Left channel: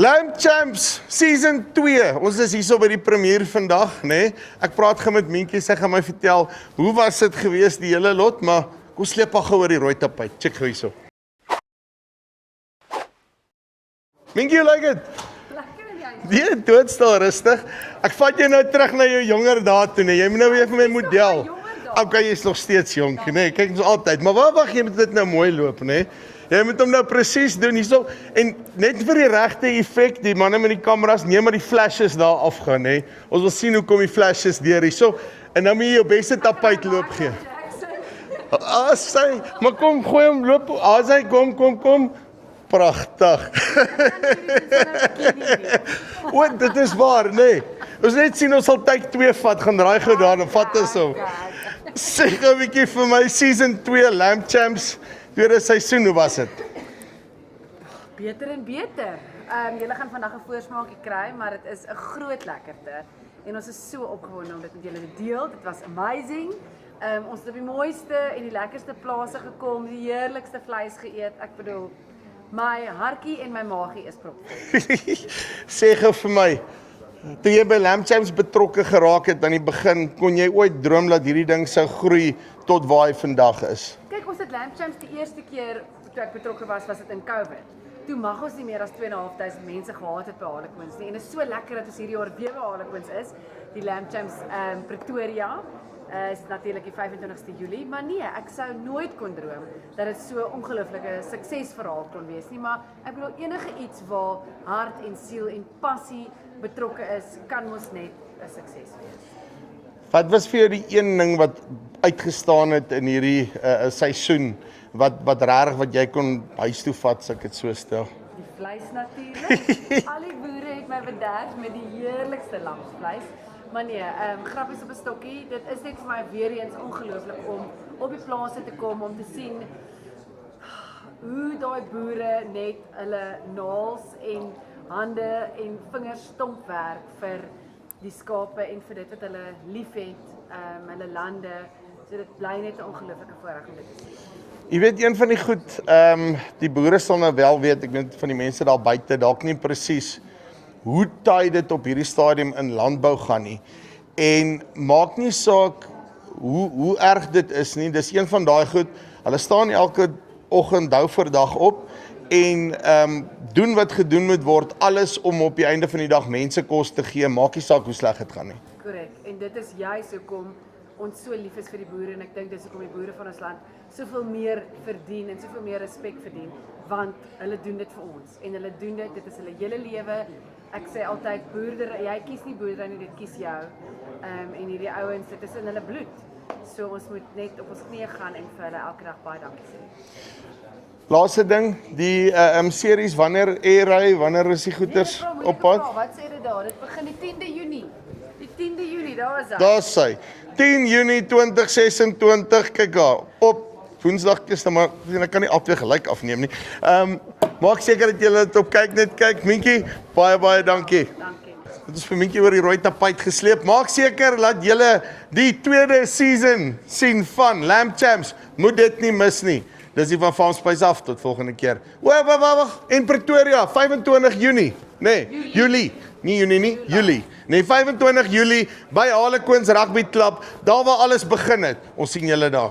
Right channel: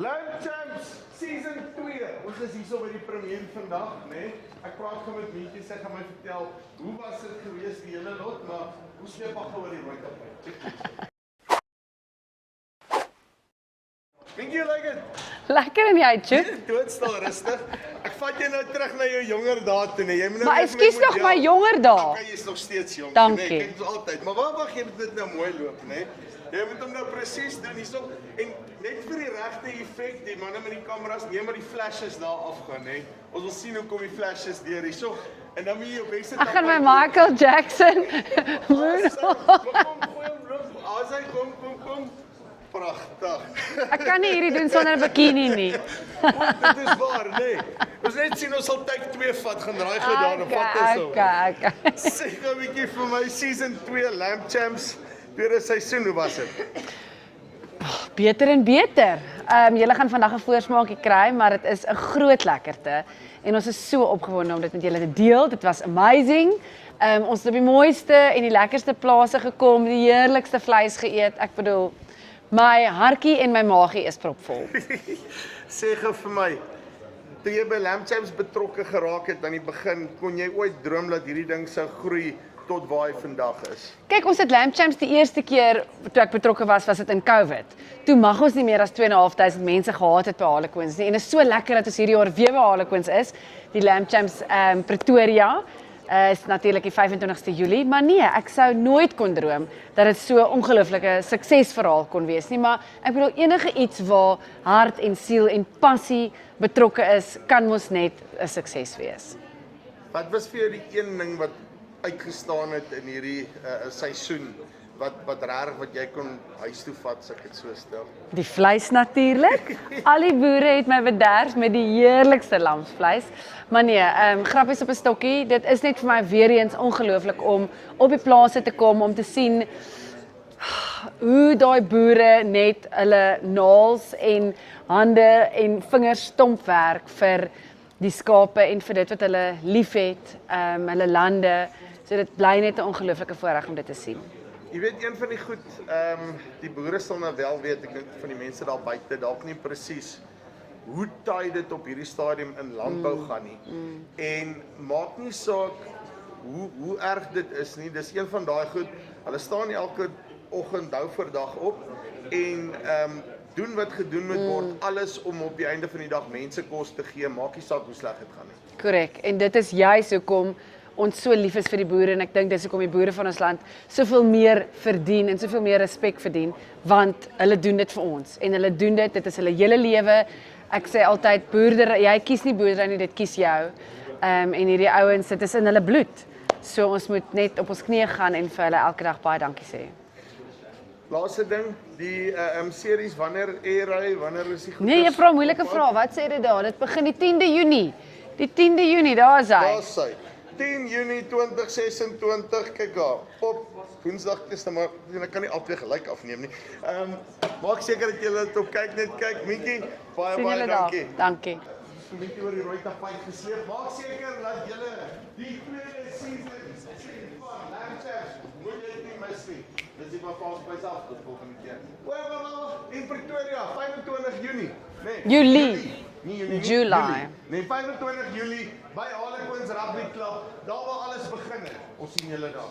Lamb Champs Season 2. Ons is hier so by die premier vandag, né? Ek praat gaan met Mientjie, sy gaan my vertel hoe was dit gewees die hele lot, maar kom sleep haar gou oor die rooi tapuit. Check gou hierso. Mientjie, hoe lyk dit? Lekker en jy, Jim? Nee, doodstil rustig. Ek vat jou nou terug na jou jonger dae toe, né? Jy moet nou weer vir my Nog model. my jonger dae. Okay, jy's nog steeds jonk, Dankie. né? Kyk ons altyd. Maar wag, jy moet dit nou mooi loop, né? Jy moet hom nou presies doen hierso en net vir die regte effek, die manne met die kameras neem maar die flashes daar afgaan, hè. Ons wil sien hoe kom die flashes deur hierso. En dan moet jy jou beste Ek gaan tapuit my loop. Michael Jackson. Maar kom, gooi hom loop. Hy kom. Pragtig. Ek kan nie hierdie doen sonder 'n bikini nie. O, dit is waar, né? Ons net sien ons sal tyd 2 vat, gaan draai gou daar en vat ons hom. Okay. Sê gou 'n bietjie vir my Season 2 Lamb Champs. Tweede seisoen, hoe was dit? Beter en beter. Julle gaan vandag 'n voorsmaakie kry, maar dit is 'n groot lekkerte en ons is so opgewonde om dit met julle te deel. Dit was amazing. Ons het op die mooiste en die lekkerste plase gekom, die heerlikste vleis geëet. Ek bedoel, my hartjie en my maagie is propvol. Sê gou vir my, toe jy by Lamb Champs betrokke geraak het aan die begin, kon jy ooit droom dat hierdie ding sou groei tot waar hy vandag is? Kyk, ons het Lamb Champs die eerste keer toe ek betrokke was dit in COVID. Toe mag ons nie meer as 2.500 mense gehad het by Harlequins nie. En dit is so lekker dat ons hierdie jaar weer by Harlequins is. Die Lamb Champs Pretoria is natuurlik die 25ste Julie, maar nee, ek sou nooit kon droom dat dit so 'n ongelooflike suksesverhaal kon wees nie, maar ek bedoel enige iets waar hart en siel en passie betrokke is, kan mos net 'n sukses wees. Wat was vir jou die een ding wat uitgestaan het in hierdie seisoen, wat regtig wat jy kon huis toe vat, as ek dit so stel? Die vleis natuurlik. Al die boere het my bederf met die heerlikste lamsvleis. Maar nee, grappies op 'n stokkie, dit is net vir my weer eens ongelooflik om op die plase te kom, om te sien hoe daai boere net hulle naels en hande en vingers stomp werk vir die skape en vir dit wat hulle liefhet, hulle lande. So dit bly net 'n ongelooflike voorreg om dit te sien. Jy weet, een van die goed, die boere sal nou wel weet, ek weet van die mense daar buite, dalk nie presies hoe taai dit op hierdie stadium in landbou gaan nie. En maak nie saak hoe erg dit is nie, dis een van daai goed, hulle staan elke oggend hou vir dag op en doen wat gedoen moet word, alles om op die einde van die dag mense kos te gee, maak nie saak hoe sleg dit gaan nie. Korrek, en dit is juis hoekom ons so lief is vir die boere en ek dink dis hoekom die boere van ons land soveel meer verdien en soveel meer respek verdien, want hulle doen dit vir ons en hulle doen dit is hulle hele lewe. Ek sê altyd boerdery, jy kies nie boerdery nie, dit kies jou. En hierdie ouens, dit is in hulle bloed. So ons moet net op ons knieë gaan en vir hulle elke dag baie dankie sê. Laaste ding, die series, wanneer hy, wanneer is die goedes? Nee, jy vra moeilike vrae. Wat sê dit daar? Dit begin die 10de Junie. Die 10de Junie, daar is hy. Daar's hy. 10 Junie 2026, kyk daar, op Woensdag is dan maar, ek kan nie albei gelyk afneem nie. Maak seker dat julle dit op kyk, net kyk. Mientjie, baie dankie. Dankie. Dit is vir Mientjie oor die rooi tapuit gesleep. Maak seker dat julle die tweede season sien van Lamb Champs. Moet dit nie mis nie. Dis die van Farm Spice af, tot volgende keer. Wag, en Pretoria, 25 Junie. Nee, Julie. Nie Junie nie, Julie. Nee, 25 Julie by Harlequins Rugby Club, daar waar alles begin het. Ons sien julle daar.